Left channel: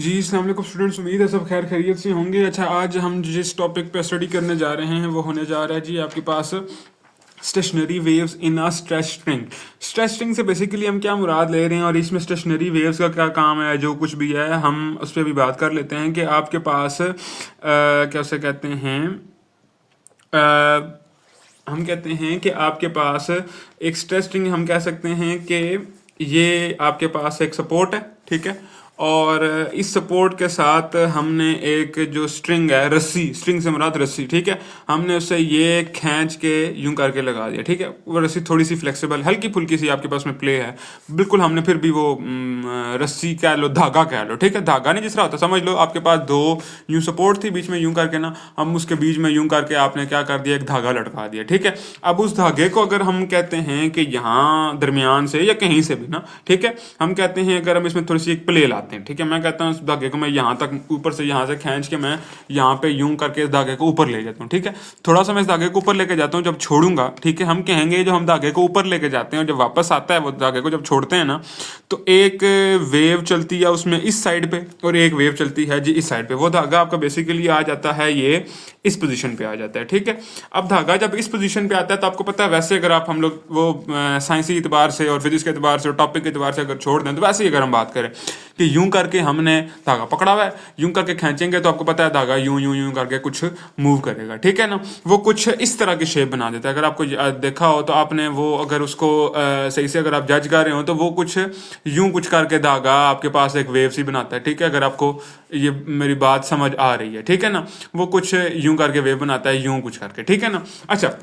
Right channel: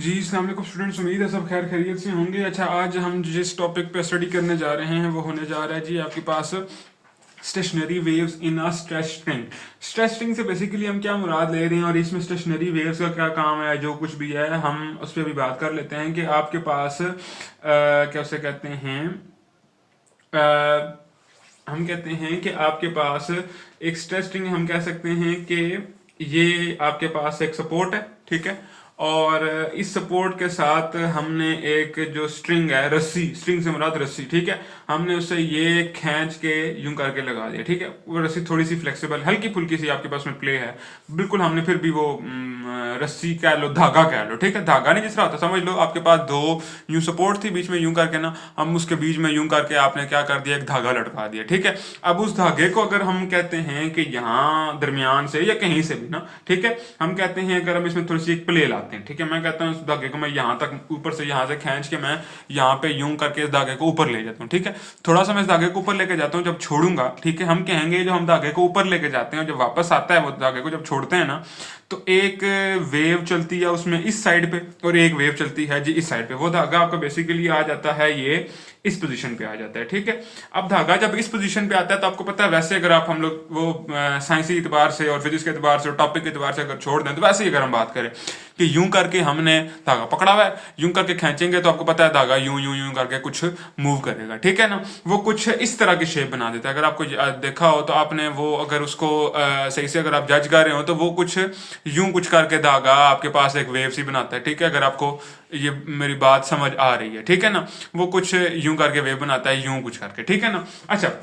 जी अस्सलाम वालेकुम स्टूडेंट्स, उम्मीद है सब खैर खैरियत से होंगे। अच्छा, आज हम जिस टॉपिक पे स्टडी करने जा रहे हैं वो होने जा रहा है जी आपके पास stationary waves in a stress string. Stress string से बेसिकली हम क्या मुराद ले रहे हैं और इसमें स्टेशनरी वेव्स का क्या काम है, जो कुछ भी है हम उस पर भी बात कर लेते हैं कि आपके पास क्या उसे कहते हैं, हम कहते हैं कि आपके पास एक स्ट्रेस स्ट्रिंग, हम कह सकते हैं कि ये आपके पास एक सपोर्ट है, ठीक है। और इस सपोर्ट के साथ हमने एक जो स्ट्रिंग है, रस्सी, स्ट्रिंग से मुराद रस्सी, ठीक है, हमने उससे ये खींच के यूं करके लगा दिया, ठीक है। वो रस्सी थोड़ी सी फ्लेक्सिबल, हल्की फुल्की सी आपके पास में प्ले है, बिल्कुल हमने फिर भी वो रस्सी कह लो, धागा कह लो, ठीक है। धागा नहीं जिस तरह होता, समझ लो आपके पास दो यूं सपोर्ट थी, बीच में यूं करके ना, हम उसके बीच में यूं करके आपने क्या कर दिया, एक धागा लटका दिया, ठीक है। अब उस धागे को अगर हम कहते हैं कि यहाँ दरमियान से या कहीं से भी ना, ठीक है, हम कहते हैं अगर हम इसमें थोड़ी सी एक प्ले लाते हैं, ठीक है, मैं कहता हूँ इस धागे को मैं यहाँ तक ऊपर से यहाँ से खींच के मैं यहाँ पे यूं करके इस धागे को ऊपर ले जाता हूँ, ठीक है। थोड़ा सा मैं इस धागे को ऊपर लेके जाता हूँ, जब छोड़ूंगा, ठीक है, हम कहेंगे जब हम धागे को ऊपर लेके जाते हैं, जब वापस आता है वो धागे को जब छोड़ते हैं ना, तो एक वेव चलती है उसमें इस साइड पे और एक वेव चलती है जी इस साइड पे। वो धागा आपका बेसिकली आ जाता है, ये इस पोजीशन पे आ जाता है, ठीक है। अब धागा जब इस पोजीशन पे आता है तो आपको पता है, वैसे अगर आप हम लोग वो साइंसी एतबार से और फिजिक्स के एतबार से और टॉपिक के एतबार से अगर छोड़ दें, तो वैसे ही अगर हम बात करें कि यूं करके हमने धागा पकड़ा हुआ है, यूं करके खींचेंगे तो आपको पता है धागा यूं यूं यूं करके कुछ मूव करेगा, ठीक है ना। वो कुछ इस तरह की शेप बना देता है। अगर आपको देखा हो तो आपने वो, अगर उसको सही से अगर आप जज कर रहे हो तो वो कुछ यूं कुछ करके धागा आपके पास एक वेव सी बनाता है, ठीक है। अगर आपको ये मेरी बात समझ आ रही है, ठीक है ना, वो कुछ यूं करके वेव बनाता है, यूं कुछ करके, ठीक है ना। अच्छा,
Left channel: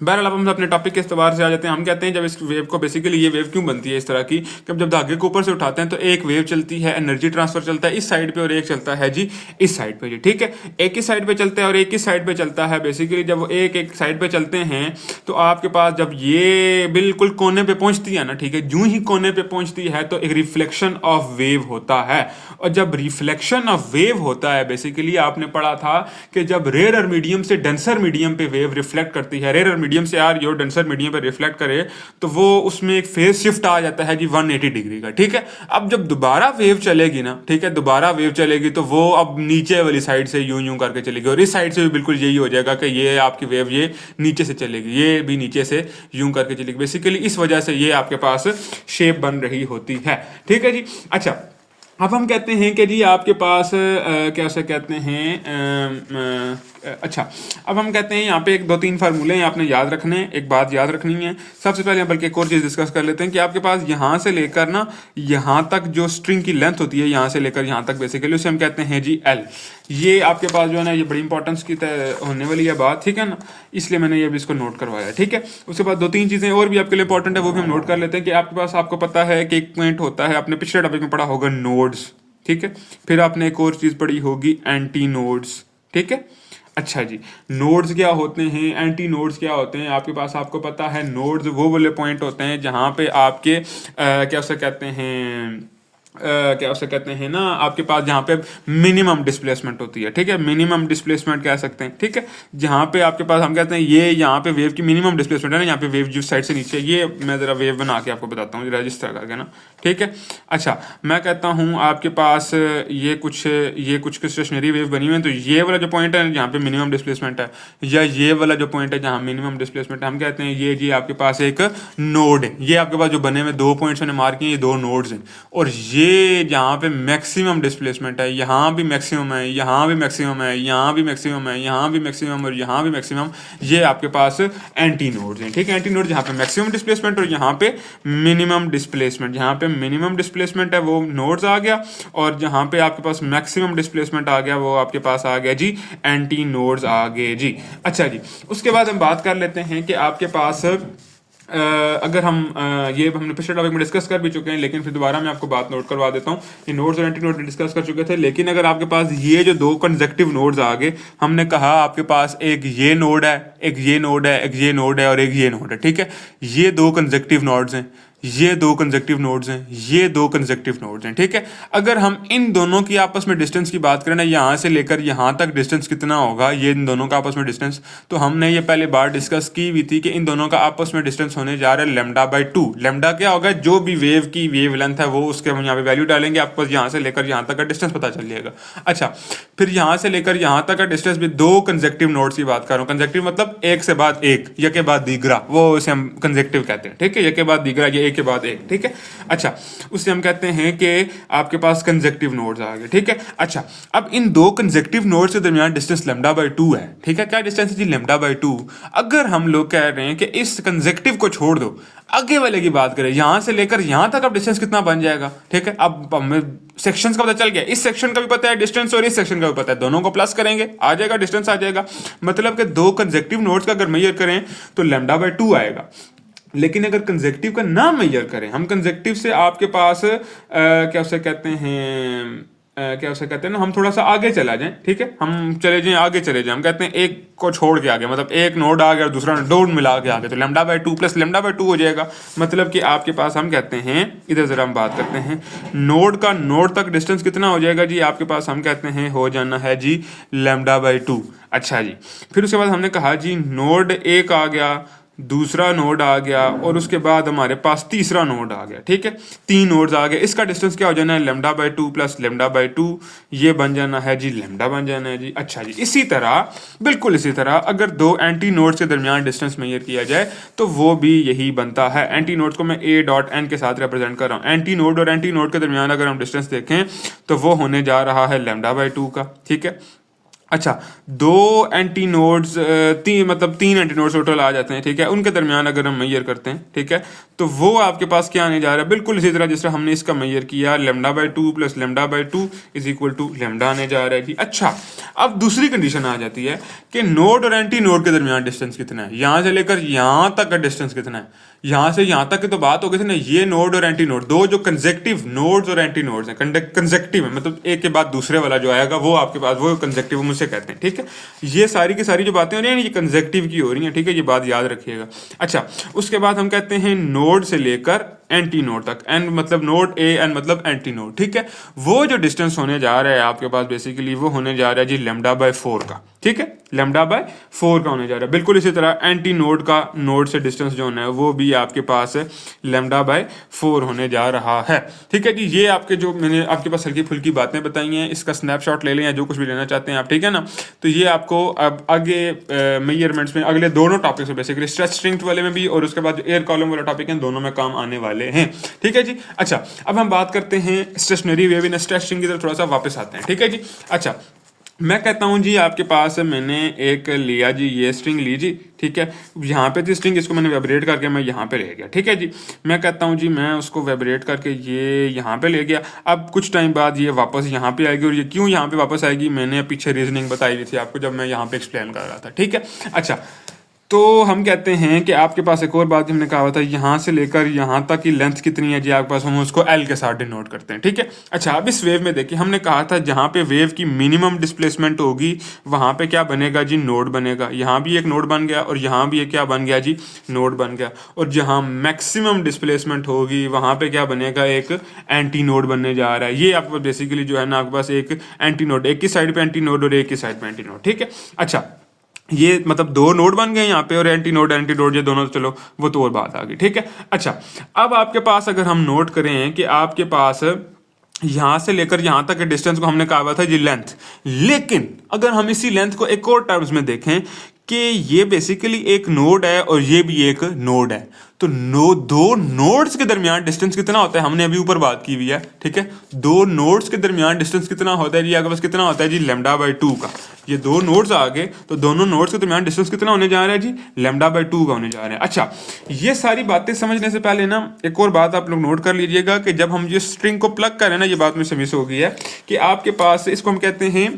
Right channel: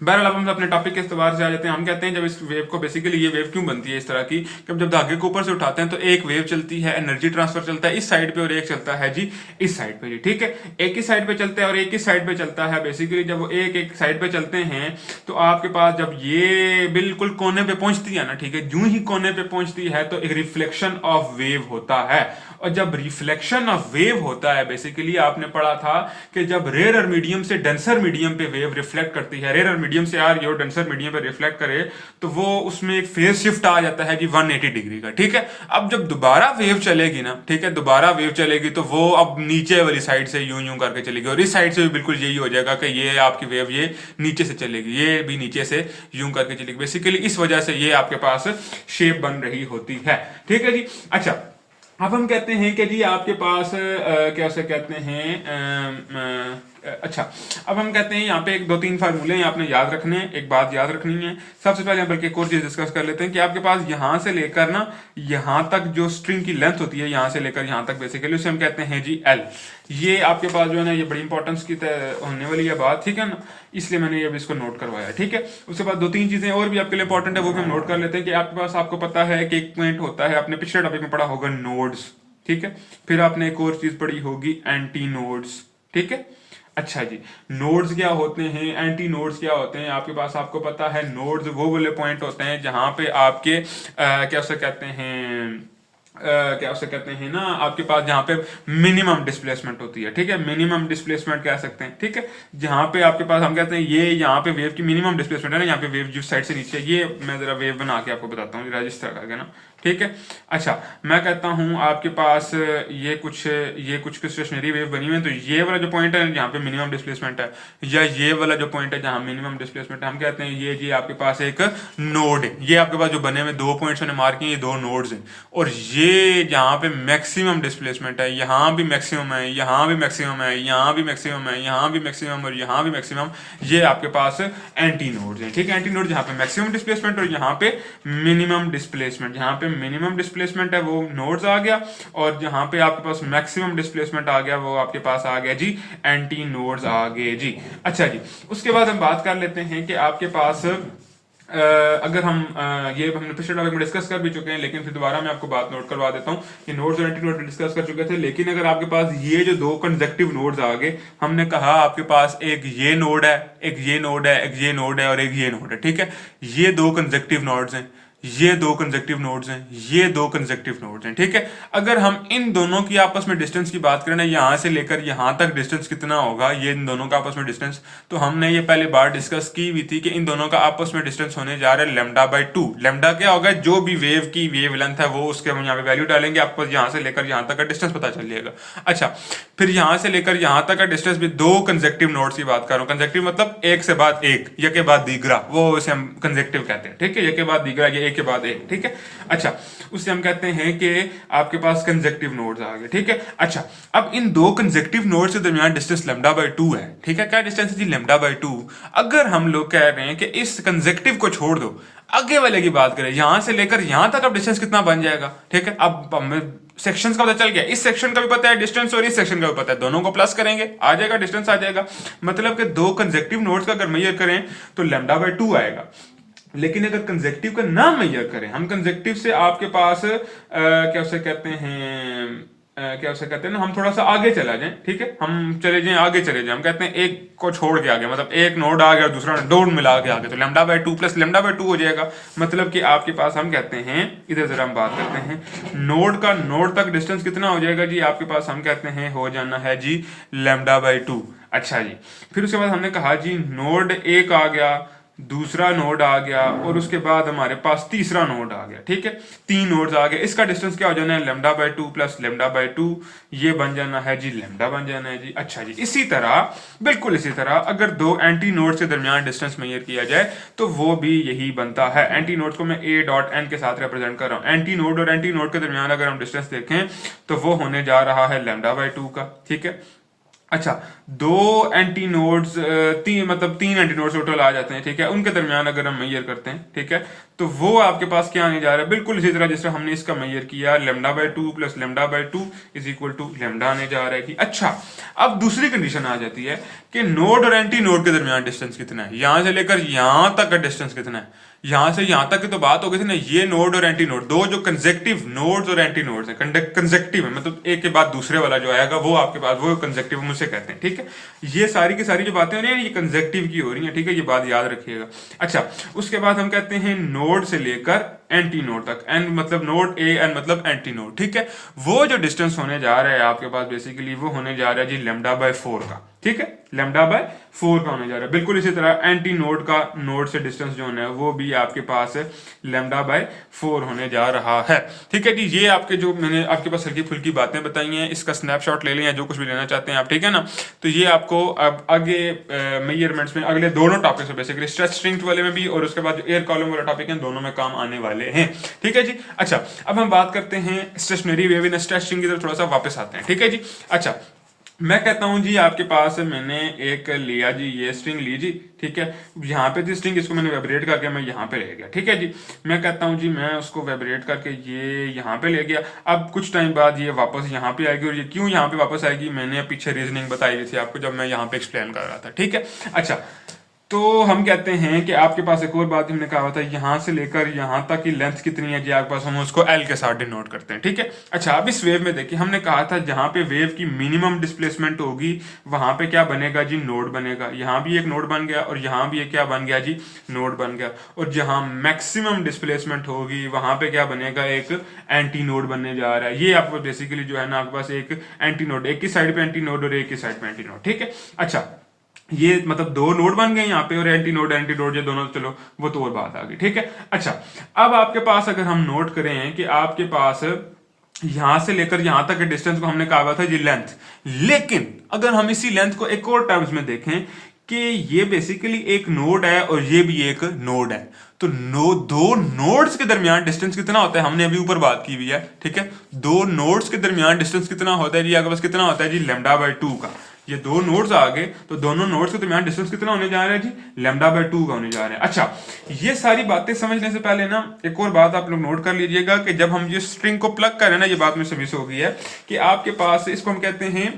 बहरहाल अब हम अपने टॉपिक के इस्तेबार से आ जाते हैं। हम कहते हैं जब इस वेव को, बेसिकली ये वेव क्यों बनती है इस तरह की, कि जब धागे को ऊपर से उठाते हैं तो एक वेव चलती है, एनर्जी ट्रांसफर चलता है इस साइड पे और एक चलता है जी इस साइड पे जी, ठीक है। एक ही साइड पे चलते हैं और एक ही साइड पे चलता है। बेसिकली जब वो एक एक साइड पे चलते हैं तो आपके पास जब ये बिल्कुल कोने पे पहुंचती है ना, ठीक है, यूं ही कोने पे पहुंचती है तो एक रिफ्लेक्शन ऑफ वेव होता है। और जब रिफ्लेक्शन ऑफ वेव होता है, बेसिकली आपने पढ़ा था कि जब रेयर मीडियम से डेंसर मीडियम पे वेव रिफ्लेक्ट करती है, रेयर मीडियम से यार यो डेंसर मीडियम पे रिफ्लेक्ट करे, तो वो उसमें एक फेज शिफ्ट आ जाता है जी 180 डिग्री का, ठीक है। अब जब दोबारा वेव चलेगी ना, ठीक है, दोबारा वेव चलेगी तो वो अब नीचे वाली साइड से यूं यूं करके चलेगी और इस साइड से भी बिल्कुल यही हो जाएगा कि ये आपकी वेव ये नीचे से चलेगी, ये भी नीचे से यूं करके चलेगी। बेसिकली इस वजह से ये आपके पास शेप बन रही होती है, ठीक है जी। अच्छा, अब हम कहते हैं कि जी आपके पास क्या से कहते हैं, अच्छा, अब हम कहते हैं यहाँ पे एक दो तीन फार्मूले हैं आपने याद रखने हैं, एक बात याद रखनी है सबसे पहले, बल्कि एक और चीज़ डिस्कस कर लेते हैं कि आपके पास यहाँ से लेकर ना यहाँ तक जो स्ट्रिंग की लेंथ होती है, यहाँ से लेकर यहाँ तक, बेसिकली उसे हम कहते हैं जी एल। ये आपके पास जो है ना, ये बड़ी इंपॉर्टेंस की होने वाली है बात, ठीक है ना, इसलिए मैंने ये भी इसको नोट करवाया, ठीक है। उसके बाद दो तीन चीज़ें और भी आपके लिए इंपॉर्टेंट है, वो भी हम नोट कर लेते हैं कि आपके पास, आपको पता है कि एक पॉइंट होता है, आपने पिछले टॉपिक में पढ़ा होगा नोड्स, ठीक है। फिर आपने एक और चीज़ पढ़ी होगी एंटी नोड्स, ठीक है। अच्छा जी, नोड्स क्या होते हैं, एंटी नोड्स क्या होते हैं, आपके पास आपको पता है नोड्स वो वाले पॉइंट होते हैं जहां पे आपके क्या उसे कहते हैं, क्या उसे कहते हैं ना, आपके पास जहाँ पे मिनिमम डिस्प्लेसमेंट होती है, ठीक है, मिनिमम डिस्प्लेसमेंट कह सकते हैं, ठीक है। जहाँ पे आपके पास हम कहते हैं ये यहाँ पे वेव की मिनिमम डिस्प्लेसमेंट है ना, यहाँ पे वेव जिस साइड से नीचे, ये मैं जरा वेव बना के आपको बताता हूँ रजिस्टर करके ना, ठीक है। अच्छा, मैं कहता हूँ आपके पास ये कुछ स्टेशनरी वेव बनी हुई है, तो ये वाला जो पॉइंट है जहाँ पे मिनिमम डिस्प्लेसमेंट है, या ये वाला जो पॉइंट है जहाँ मिनिमम डिस्प्लेसमेंट है, हम कहते हैं ये जी आपके पास एक नोड है। ये आपके पास जो बने हुए दो पॉइंट्स मैंने मार्क किए, ये दो नोड्स हैं। और ये जहाँ पे मैक्सिमम डिस्प्लेसमेंट है, यहाँ भी मैक्सिमम है, यहाँ भी मैक्सिमम है, यहाँ भी मैक्सिमम है, यहाँ भी मैक्सिमम और यहाँ भी मैक्सिमम, ये आपके पास एंटी नोड्स हैं, ठीक है। एंटी नोड जहाँ पे मैक्सिमम डिस्प्लेसमेंट और यहाँ पे मिनिमम डिस्प्लेसमेंट, जहाँ पे मिनिमम डिस्प्लेसमेंट है वो नोड्स आ गया, और जहाँ पे आपके पास मैक्सिमम डिस्प्लेसमेंट आ गया वो आपके पास आ गया जी एंटी नोड्स आ गए जी। अच्छा जी, उसके बाद हम बात कर लेते हैं कि आपके पास अगर हम ये हमने पिछले टॉपिक में डिस्कस कर भी चुके हैं, लेकिन फिर दोबारा मैं आपको बात नोट करवा देता हूँ कि नोड्स और एंटी नोड डिस्कस कर चुके थे, लेकिन अगर आपके पास ये जो दो कंसेक्टिव नोड्स आ गए, हमने कहा आपके पास एक ये नोड है, एक ये नोड है, एक ये नोड है और एक ये नोड है, ठीक है। ये दो कंसेक्टिव नोड्स हैं, ये दो कंसेक्टिव नोड्स हैं, ये दो कंसेक्टिव नोड्स हैं, ठीक है। अगर हम इन दोनों की आपस में डिस्टेंस की बात करें ना, यहाँ से लेकर यहाँ तक डिस्टेंस कितना होगा, ये इन दोनों का आपस में डिस्टेंस, तो हमने ये पहले बार डिस्कस की हुई थी कि इन दोनों का आपस में डिस्टेंस होने जा रहा है λ/2। लैम्डा क्या होगा, जो भी वेव की वेव लेंथ है वो उसके हम यहाँ पे वैल्यू डालेंगे, आपको यहाँ से लेकर यहाँ तक का डिस्टेंस पता चल जाएगा। अच्छा, फिर यहाँ से लेकर यहाँ तक का डिस्टेंस भी दो कंसेक्टिव नोड्स की बात कर रहा हूँ। कंसेक्टिव मतलब एक से बाद एक, ये के बाद दीगरा, वो उसे हम कंसेक्टिव कहते हैं, ठीक है। ये के बाद दीगरा, ये एक के बाद एक, ठीक है। अच्छा, उससे हम कहते हैं कि आपके पास कंसेक्टिव नोड्स आ गए, ठीक है। अच्छा, अब इन दो कंसेक्टिव नोड्स के दरमियान डिस्टेंस λ/2 है, ठीक है। क्या डिस्टेंस है जी, λ/2। अगर हम लोग कह रहे हैं कि इस कंसेक्टिव को छोड़ दो, आगे वाले की बात करें, यहां से लेकर यहां तक अब डिस्टेंस कितना बन जाएगा, ठीक है। अब हमें सेक्शंस का पता चल गया, इस सेक्शन का भी पता है डिस्टेंस और इस सेक्शन का भी पता है, दोनों को प्लस करेंगे आ जाएगा, डिस्टेंस आ जाएगा। मतलब कि दो कंसेक्टिव नोड्स का अगर मेजर करें तो λ/2 आएगा। लेकिन अगर कंसेक्टिव का ना मेजर करें, हम कंसेक्टिव से आपके पास क्या उसे कहते हैं क्या उसे कहते हैं ना, हम थोड़ा सा आगे चला जाएं, ठीक है। हम चले जाएं, आगे चले जाएं, हम कहते हैं एक को छोड़ के आगे, मतलब एक नोड आ गया और दूसरा नोड मिला के आगे, तो λ/2 प्लस λ/2 हो जाएगा। मतलब कि आपके पास हम कहते हैं, इधर जरा हम बात करते हैं, नोड का नोड तक डिस्टेंस कितना हो जाएगा जी, आपके पास हम कहते हैं हो जाना है जी λ/2। अच्छा जी, फिर उसके बाद हमने कहा जी नोड एक आ गया, दूसरा नोड आ गया और उसके बाद हमारे पास तीसरा नोड आ गया, ठीक है। तीन नोड्स आ गए, इसका डिस्टेंस क्या हो जाना है, λ/2 प्लस λ/2, ये बन जाना है जी λ बन जाना है जी। अच्छा जी, इसी तरह, बिल्कुल इसी तरह अगर दो एंटी नोड्स के दरमियान डिस्टेंस मेजर किया जाए तो वो भी यही बनता है। एंटी नोड्स को मैं a.n के साथ रिप्रेजेंट कर रहा हूँ। एंटी नोड और एंटी नोड के दरमियान अगर हम डिस्टेंस देखें तो वो होने जा रहा है λ/2 का, ठीक है। अच्छा, दो एंटी नोड्स, मतलब तीन एंटी नोड्स टोटल आ जाते हैं, ठीक है। उनके दरमियान अगर हम मेजर करते हैं, ठीक है, तो वो आपके पास क्या आने जा रहा है, बिल्कुल इसी तरह जिस तरह हमने इसका मेजर किया, λ/2 प्लस λ/2 इज इक्वल टू λ आने जा रहा है कि। अच्छा, अब दूसरी कंडीशन आ जाती है कि नोड और एंटी नोड के दरमियान डिस्टेंस कितना है, यहां से लेकर यहां तक का डिस्टेंस कितना है। यहां से यहां तक की तो बात हो गई थी ना, ये नोड और एंटी नोड, दो जो कंसेक्टिव नोड्स और एंटी नोड्स हैं, कंसेक्टिव है, मतलब एक के बाद दूसरे वाला जो आएगा वो आपके पास वो कंसेक्टिव मुझसे कहते हैं, ठीक है। ये सारी की सारी जो बातें हो रही हैं ये कंसेक्टिव की हो रही हैं, ठीक है, ये बात याद रखिएगा। अच्छा, उसके बाद हम कहते हैं नोड से लेकर एंटी नोड तक, एन मतलब नोड, ए एन मतलब एंटी नोड, ठीक है। वो जो डिस्टेंस होने जा रहा है आपके पास बेसिकली वो होने जा रहा है जी λ/4 का, ठीक है। λ/4 का होने जा रहा है। बिल्कुल इसी तरह एंटी नोड का नोड से डिस्टेंस जो होना है वो भी आपके पास λ/4 होने जा रहा है, ठीक है जी। ये आपके जो मैंने आपके पास हल्की फुल्की बातें बताई हैं, इसका स्नैपशॉट ले लें, जो कुछ भी लेना चाहते हैं आप, ठीक है ना। तो ये आपको अब आगे मेजरमेंट्स में अगले दोनों टॉपिक्स में, बेसिकली स्ट्रेस स्ट्रिंग्स वाले में भी और उसके बाद एयर कॉलम वाला टॉपिक है, दोनों में काम आने वाले हैं, ठीक है जी। अच्छा, अब हम बात करते हैं stationary wave in stress string की तरफ थोड़ा सा वापस आते हैं, ठीक है जी। अच्छा, मैं कहता हूं जी आपके पास मैंने एक लिया जी, ये स्ट्रिंग ली जी, ठीक है। यहाँ पे थी स्ट्रिंग, इसको मैंने वाइब्रेट करके मैं यहाँ पे ले गया, ठीक है जी। मैं कहता हूँ जी मैं उसको वाइब्रेट करके ये यहाँ पे ले गया। अब कुछ टाइम बाद ये वापस यहाँ पे आएगी, और ये क्यों यहाँ पे वापस आएगी मैंने पीछे रीजनिंग बताई थी आपको जब मैं यहाँ पे एक्सप्लेन कर रहा था, ठीक है। अच्छा, तो हम कहते हैं कि आपके पास एक और बात हमने कहा था, यहाँ से लेकर यहाँ तक की लेंथ कितनी है जी आपके पास, हम उसको एल के साथ डिनोट करते हैं, ठीक है। अच्छा, अब इस वेव में देखिए, हमने कहा था जहाँ पे वेव की मिनिमम डिस्प्लेसमेंट होगी वहाँ पे क्या बनेगा जी, नोड बनेगा। यहाँ भी एक नोड बन गया और यहाँ भी एक क्या बन गया जी, नोड बन गया। और जहाँ मैक्सिमम डिस्प्लेसमेंट होगी वहाँ पे क्या बनेगा, एक एंटी नोड बनने जा रहा है। ये आपको बेसिकली जो है ना आपके पास एक एंटी नोड, एक की साइड पे एंटी नोड और एक की साइड पे एंटी नोड, ठीक है। अच्छा, ये मतलब दो नोड बन गए यहाँ पे, और एंटी नोड ये दोनों, चलो वो तो और बात आ गई, ठीक है। अच्छा, अब आपके पास अगर हम नोट करें कि आपके पास यहां से लेकर यहां तक के डिस्टेंस को हमने कहा हुआ था जी लेंथ, लेकिन अगर हम इसी लेंथ को एक और टर्म्स में देखें कि ये बेसिकली एक नोड है और ये भी एक नोड है, तो दो नोड्स के दरमियान डिस्टेंस कितना होता है, हमने अभी ऊपर बात की हुई है, ठीक है। दो नोड्स के दरमियान डिस्टेंस कितना होता है जी, आपके पास कितना होता है जी, λ/2 का। ये दो नोड्स आ गए तो दोनों नोड्स के दरमियान डिस्टेंस कितना होने जा रहा है जी, λ/2 का होने जा रहा है। अच्छा, ये सारी बातें समझने से पहले ना एक और बात आप लोग नोट कर लीजिएगा कि जब हम ये स्ट्रिंग को प्लग कर रहे हैं ना, ये बात मुझसे मिस हो गई है कि आपके पास, इसको हम कहते हैं,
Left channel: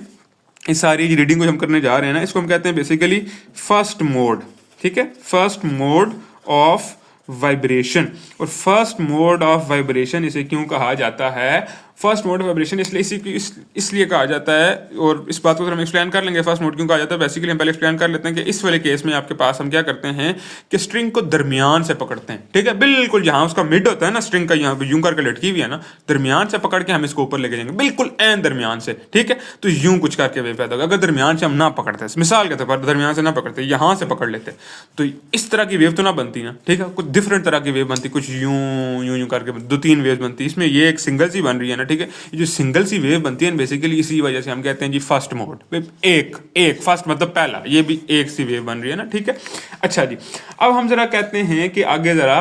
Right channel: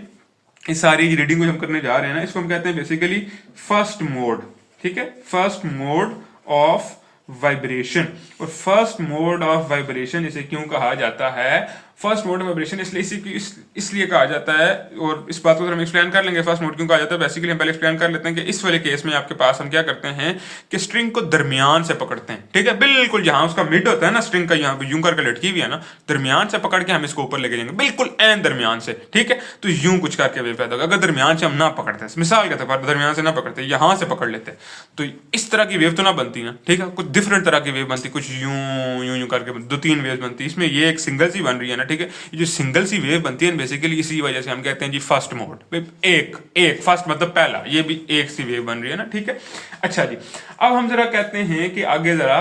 इस सारी रीडिंग को हम करने जा रहे हैं ना, इसको हम कहते हैं बेसिकली फर्स्ट मोड, ठीक है। First mode of vibration. और फर्स्ट मोड ऑफ वाइब्रेशन इसे क्यों कहा जाता है, फर्स्ट मोड वाइब्रेशन इसलिए कहा जाता है, और इस बात को हम एक्सप्लेन कर लेंगे फर्स्ट मोड क्यों कहा जाता है। बेसिकली हम पहले एक्सप्लेन कर लेते हैं कि इस वाले केस में आपके पास हम क्या करते हैं कि स्ट्रिंग को दरमियान से पकड़ते हैं, ठीक है, बिल्कुल जहां उसका मिड होता है ना स्ट्रिंग का, यहाँ पे यूं करके लटकी हुई है ना, दरमियान से पकड़ के हम इसको ऊपर लेके जाएंगे, बिल्कुल एन दरमियान से, ठीक है। तो यूं कुछ करके वेव पैदा होगा। अगर दरमियान से हम ना पकड़ते, मिसाल के तौर पर दरमियान से ना पकड़ते, यहां से पकड़ लेते, तो इस तरह की वेव तो ना बनती ना, ठीक है, कुछ डिफरेंट तरह की वेव बनती, कुछ यूं यूं यूं करके 2-3 वेव बनती। इसमें ये एक सिंगल सी बन रही है ना, ठीक है, ये जो सिंगल सी वेव बनती है बेसिकली इसी वजह से हम कहते हैं जी फर्स्ट मोड। एक फर्स्ट मतलब पहला, ये भी एक सी वेव बन रही है ना, ठीक है। अच्छा जी, अब हम जरा कहते हैं कि आगे जरा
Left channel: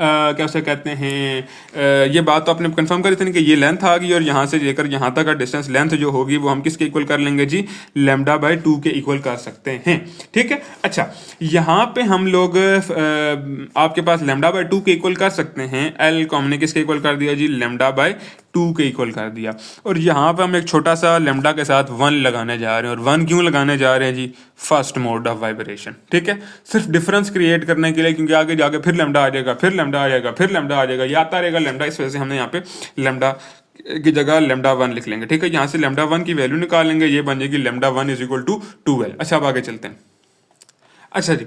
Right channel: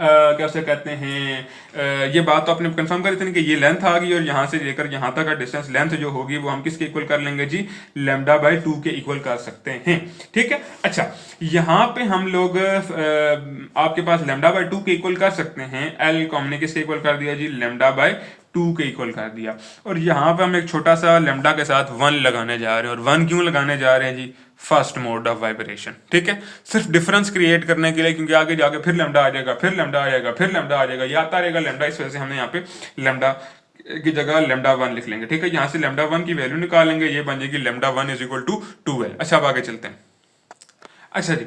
क्या उसे कहते हैं, ये बात तो आपने कंफर्म करी थी कि ये लेंथ आ गई और यहाँ से लेकर यहाँ तक का डिस्टेंस लेंथ जो होगी वो हम किसके इक्वल कर लेंगे जी, λ/2 के इक्वल कर सकते हैं, ठीक है। अच्छा, यहाँ पे हम लोग आपके पास λ/2 के इक्वल कर सकते हैं, एल को हमने किसके इक्वल कर दिया जी, λ/2 के इक्वल कर दिया। और यहाँ पे हम एक छोटा सा लैम्डा के साथ 1 लगाने जा रहे हैं, और 1 क्यों लगाने जा रहे हैं जी, फर्स्ट मोड ऑफ वाइब्रेशन, ठीक है, सिर्फ डिफरेंस क्रिएट करने के लिए, क्योंकि आगे जाके फिर लैम्डा आ जाएगा, फिर लैम्डा आ जाएगा, फिर लैम्डा आ जाएगा, ये आता रहेगा लैम्डा। इस वजह से हमने यहाँ पे लैम्डा की जगह λ1 लिख लेंगे, ठीक है। यहाँ से λ1 की वैल्यू निकालेंगे, ये बन जाएगी λ1 = 2l। अच्छा, अब आगे चलते हैं। अच्छा जी,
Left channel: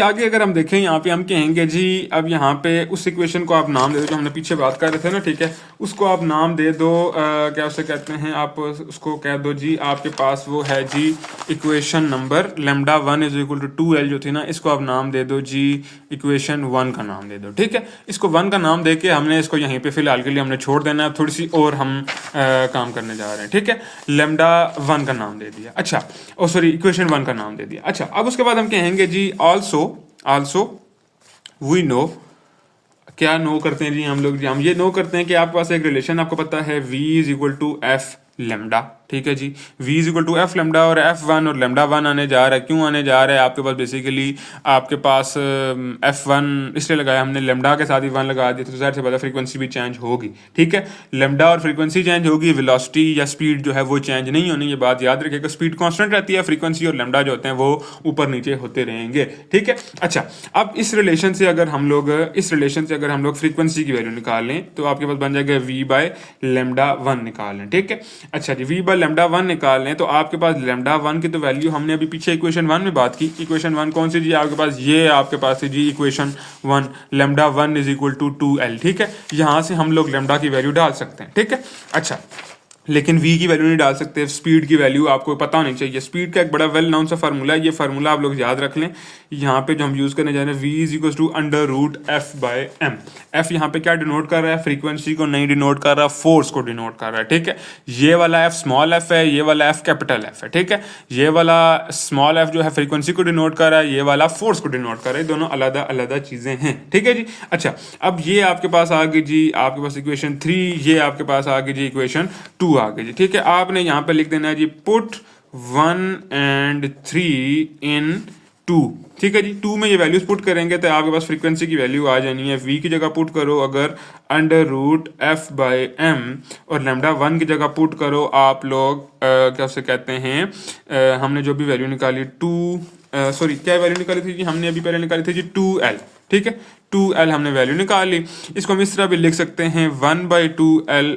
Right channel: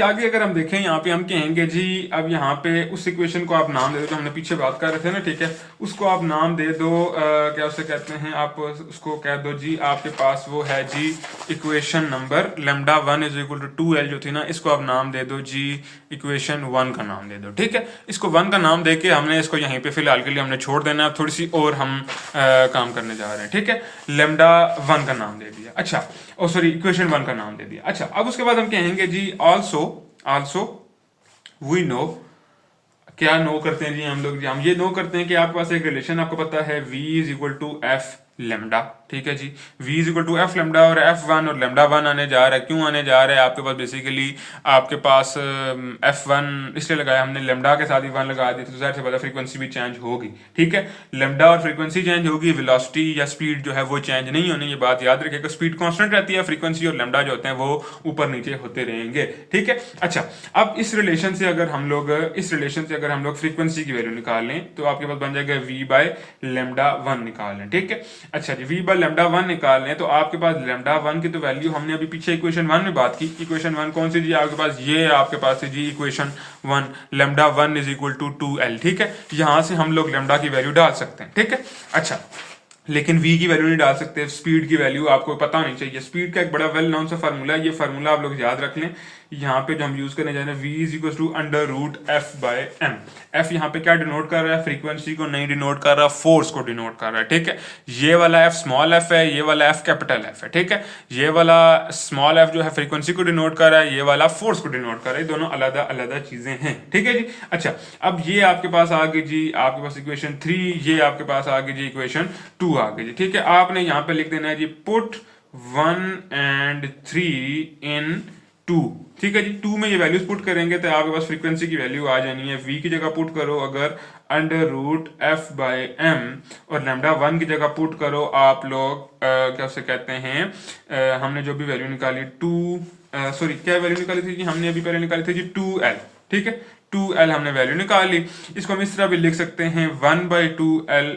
आगे अगर हम देखें यहाँ पे हम कहेंगे जी, अब यहाँ पे उस इक्वेशन को आप नाम दे दो जो हमने पीछे बात कर रहे थे ना, ठीक है, उसको आप नाम दे दो, क्या उसे कहते हैं, आप उसको कह दो जी, आपके पास वो है जी इक्वेशन नंबर λ1 = 2l जो थी ना, इसको आप नाम दे दो जी इक्वेशन 1 का नाम दे दो, ठीक है। इसको 1 का नाम दे के हमने इसको यहीं पे फिलहाल के लिए हमने छोड़ देना है, थोड़ी सी और हम काम करने जा रहे हैं, ठीक है। λ1 का नाम दे दिया, अच्छा, ओ सॉरी, इक्वेशन 1 का नाम दे दिया। अच्छा, अब उसके बाद हम कहेंगे जी आल्सो वी नो, क्या नो करते हैं जी हम लोग, जी हम ये नो करते हैं कि आपके पास एक रिलेशन आपको पता है v = f लैम्डा, ठीक है जी, v = f लैम्डा, और f1 और λ1 आने जा रहा है। क्यों आने जा रहा है, आपके पास बेसिकली आपके पास f1 इसलिए लगाया हमने, लैम्डा के साथ ही 1 लगा दिया, तो ज़ाहिर से पता फ्रीक्वेंसी भी चेंज होगी, ठीक है। लैम्डा और फ्रीक्वेंसी चेंज होगी, वेलोसिटी या स्पीड जो है वो चेंज नहीं होनी, ये बात याद रखिएगा, स्पीड कांस्टेंट रहती है, फ्रीक्वेंसी और लैम्डा जो होते हैं वो ऊपर नीचे होते रहेंगे, ठीक है। अच्छा, अब इस रिलेशन से अगर हम लोग फ्रीक्वेंसी की वैल्यू निकाल लें, तो आपके पास बन जाएगा v/λ1 निकाल लें, ठीक है। अच्छा जी, v/λ1 निकाल लें, तो आपके पास λ1 की तो वैल्यू हमने अभी पीछे इक्वेशन 1 में बात की। इक्वेशन 1 कौन सी जी, आपके पास ये आपके पास है जी इक्वेशन 1, λ1 = 2l, ठीक है। यहां से हम लोग लैम्डा की वैल्यू डाल सकते हैं, ठीक है। अच्छा, लेकिन v की वैल्यू नहीं डाल सकते, स्पीड की वैल्यू आपको पता होनी चाहिए। स्पीड का एक बड़ा वेल नाउन सा फार्मूला है, ये फार्मूला आप लोग याद रख लें। यहाँ पे जो हम यूज करने जा रहे हैं, v = √f/m। f यहाँ पे क्या डिनोट कर रहा है, फ्रीक्वेंसी को नहीं डिनोट कर रहा, फोर्स को डिनोट कर रहा है, ठीक है। ये वाला f स्मॉल f है, ये वाला f कैपिटल f है, ठीक है। ये वाला स्मॉल f जो है फ्रीक्वेंसी को डिनोट कर रहा है, ये वाला फोर्स को डिनोट कर रहा है, दोनों अलग अलग चीजें हैं, ठीक है जी। अच्छा, अब ये आपके पास आ गई जी, आपके पास इक्वेशन 3, ये आपके पास आ गई जी इक्वेशन 2 आ गई जी, ठीक है। आपने यहाँ पे लिख देना है जी, पुट 1 and 3 in 2, ठीक है जी। 2 में ये वैल्यूज पुट करेंगे तो आपके पास फ्रीक्वेंसी की वैल्यू आ जानी है, v की जगह पुट करो अगर √f/m, और λ1 की जगह पुट करो आप लोग क्या उसे कहते हैं, हमने जो भी वैल्यू निकाली क्या वैल्यू निकाली थी जी, हमने अभी पहले निकाली थी जी 2l, ठीक है। 2l हमने वैल्यू निकाली, इसको हम इस तरह भी लिख सकते हैं 1/2l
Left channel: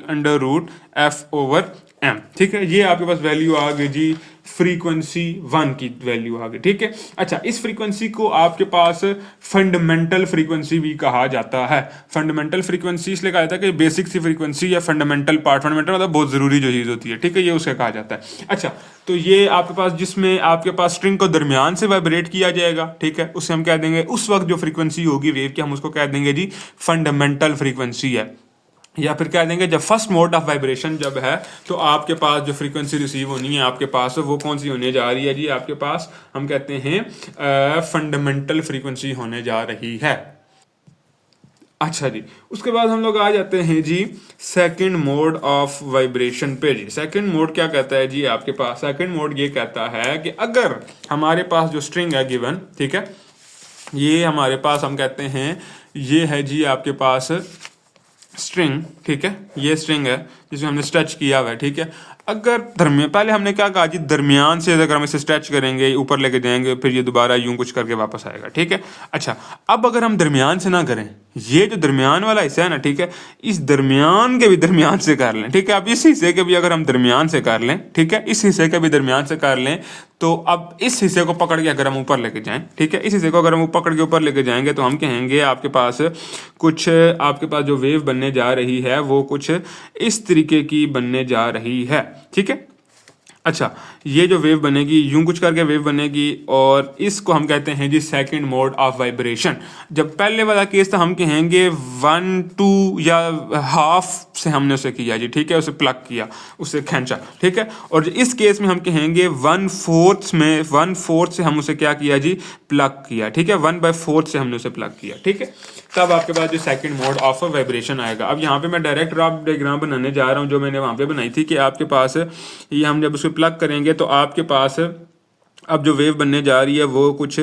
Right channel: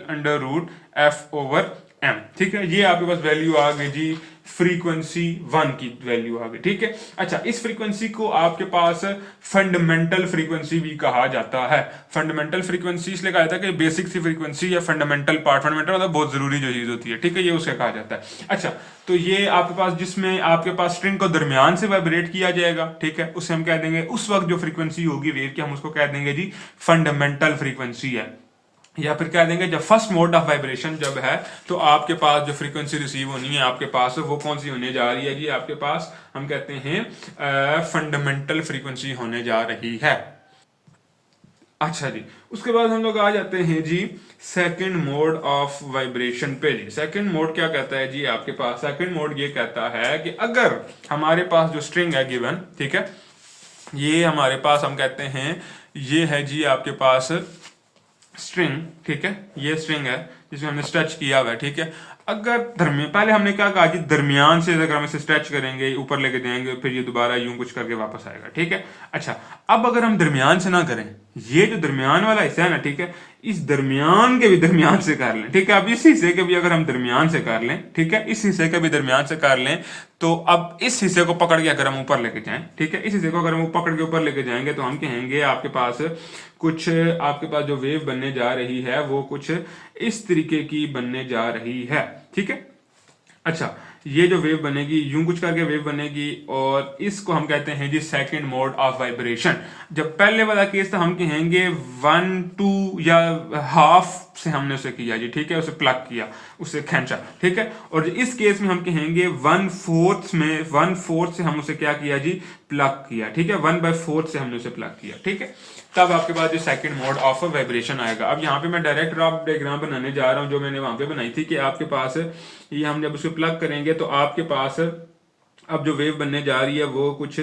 √f/m, ठीक है। ये आपके पास वैल्यू आ गई जी फ्रीक्वेंसी 1 की वैल्यू आ गई, ठीक है। अच्छा, इस फ्रीक्वेंसी को आपके पास फंडामेंटल फ्रीक्वेंसी भी कहा जाता है। फंडामेंटल फ्रीक्वेंसी इसलिए कहा जाता है कि बेसिक सी फ्रीक्वेंसी या फंडामेंटल पार्ट, फंडामेंटल मतलब बहुत जरूरी जो चीज होती है, ठीक है, ये उसे कहा जाता है। अच्छा, तो ये आपके पास जिसमें आपके पास स्ट्रिंग को दरमियान से वाइब्रेट किया जाएगा, ठीक है, उसे हम कह देंगे, उस वक्त जो फ्रीक्वेंसी होगी वेव की, हम उसको कह देंगे जी फंडामेंटल फ्रीक्वेंसी है। या फिर कह देंगे जब फर्स्ट मोड ऑफ वाइब्रेशन जब है, तो आपके पास जो फ्रीक्वेंसी रिसीव होनी है आपके पास, वो कौन सी होने जा रही है जी, आपके पास हम कहते हैं फंडामेंटल फ्रीक्वेंसी होने जा रही है। अच्छा जी, उसके बाद हम लोग आ जाते हैं जी सेकंड मोड ऑफ वाइब्रेशन पे जी। सेकंड मोड क्या कहता है जी, आपके पास सेकंड मोड ये कहता है कि अगर हमारे पास जो स्ट्रिंग है गिवन, ठीक है, ये हमारे पास हम कहते हैं ये है जी आपके पास स्ट्रिंग, ठीक है, ये स्ट्रिंग है जिसमें हमने स्ट्रेच किया हुआ है, ठीक है। अगर पहले हमने क्या कहा कि दरमियान से अगर हम इसे स्ट्रेच करेंगे, ऊपर लेके जाएंगे, फिर ये दोबारा यूं कुछ करके वापस आएगा, ठीक है। अच्छा, अब अगर हम दरमियान से ना करें, ये जो दरमियान वाला हिस्सा है ना, ठीक है, इस दरमियान के भी दरमियान से कर लें, ठीक है। अब इस हिस्से के भी अगर हम दरमियान से कर लें, ठीक है, इस हिस्से के भी दरमियान से कर लें, तो अब इस हिस्से को पकड़ के अगर हम ऊपर लेके जाएं, ठीक है, इस हिस्से को अगर हम पकड़ के ऊपर लेके जाएंगे, तो हम कहेंगे आपके पास जो वेव बनने जा रही है वो कुछ इस तरीके की बनने जा रही है, ठीक है। अच्छा, ये जो वेव बनेगी यूं कुछ करके वेव बनेगी, और इसको हम कहते हैं जी सेकंड मोड ऑफ वाइब्रेशन। जब पहले वाला केस था हम कहेंगे 1/2 या हाफ से हमने उसे किया जी, ठीक है, उसे प्लग किया, उसे खींचा, ठीक है। और इस केस में हम कहेंगे 1/4 से हम उसे क्या किया जी, प्लग किया, ठीक है, 1/4 से हमने उसे प्लग किया, ठीक है। तब आपके पास जो सेकंड मोड ऑफ वाइब्रेशन आएगा। अब यहाँ पे मैं डायरेक्ट रफ डायग्राम बनाने जा रहा हूँ जो मैंने वहां पे बनाई थी, कि आपके पास ये हम जब उसको प्लग करेंगे तो आपके पास अब जो वेव बनने जा रही है वो कुछ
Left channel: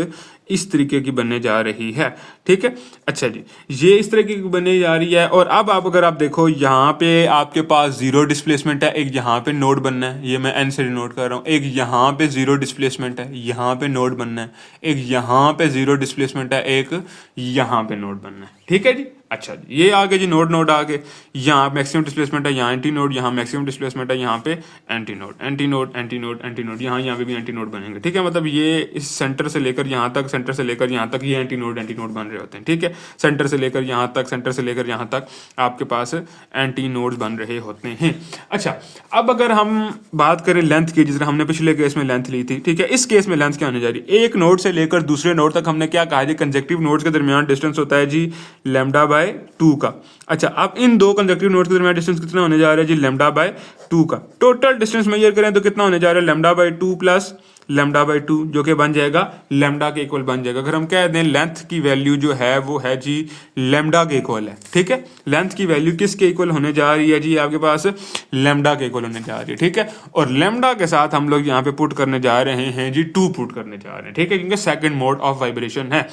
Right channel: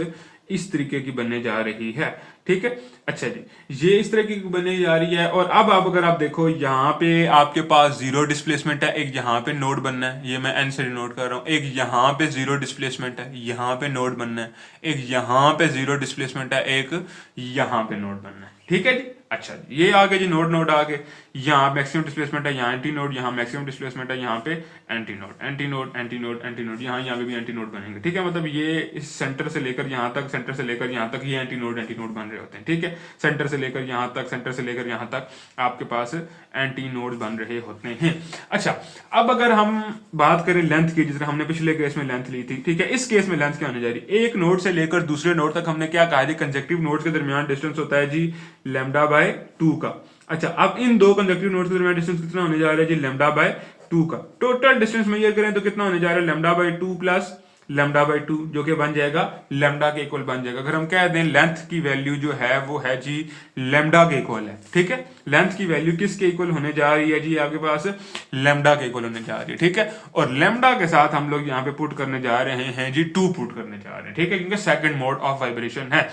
इस तरीके की बनने जा रही है, ठीक है। अच्छा जी, ये इस तरीके की बनने जा रही है। और अब अगर आप देखो, यहाँ पे आपके पास जीरो डिस्प्लेसमेंट है, एक यहाँ पे नोड बनना है, ये मैं एन से डिनोट कर रहा हूँ, एक यहाँ पे जीरो डिस्प्लेसमेंट है, यहाँ पे नोड बनना है, एक यहाँ पे जीरो डिस्प्लेसमेंट है, एक यहाँ पे नोड बनना है, ठीक है जी। अच्छा जी, ये आगे जी नोड आगे, यहाँ मैक्सिमम डिस्प्लेसमेंट है, यहाँ एंटी नोड, यहाँ मैक्सिमम डिस्प्लेसमेंट है, यहाँ पे anti node, anti node, anti node, anti node, यहाँ पे भी एंटी नोड बनेंगे, ठीक है। मतलब ये इस सेंटर से लेकर यहाँ तक, सेंटर से लेकर यहाँ तक ये एंटी नोड बन रहे होते हैं, ठीक है। सेंटर से लेकर यहाँ तक, सेंटर से लेकर यहाँ तक आपके पास एंटी नोड्स बन रहे होते हैं। अच्छा, अब अगर हम बात करें लेंथ की, जिस तरह हमने पिछले केस में लेंथ ली थी, ठीक है, इस केस में लेंथ क्या होने जा रही है, एक नोड से लेकर दूसरे नोड तक हमने क्या कहा जी, कंजेक्टिव नोड्स के दरमियान डिस्टेंस होता है जी λ/2 का। अच्छा, अब इन दो कंजक्टिव नोड्स के दरमियान डिस्टेंस कितना होने जा रहा है जी, λ/2 का। टोटल डिस्टेंस मेजर करें तो कितना होने जा रहा है, λ/2 प्लस λ/2, जो कि बन जाएगा लैम्डा के इक्वल बन जाएगा। अगर हम कह दें लेंथ की वैल्यू जो है वो है जी लैम्डा के इक्वल है, ठीक है। लेंथ की वैल्यू किसके इक्वल होने जा रही है जी, आपके पास लैम्डा के इक्वल होने जा रही है, ठीक है। और लैम्डा के साथ हम लोग यहाँ पे पुट करने जा रहे हैं जी 2 पुट करने जा रहे हैं, ठीक है, क्योंकि सेकंड मोड ऑफ वाइब्रेशन है।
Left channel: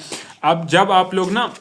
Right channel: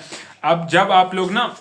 अब जब आप लोग ना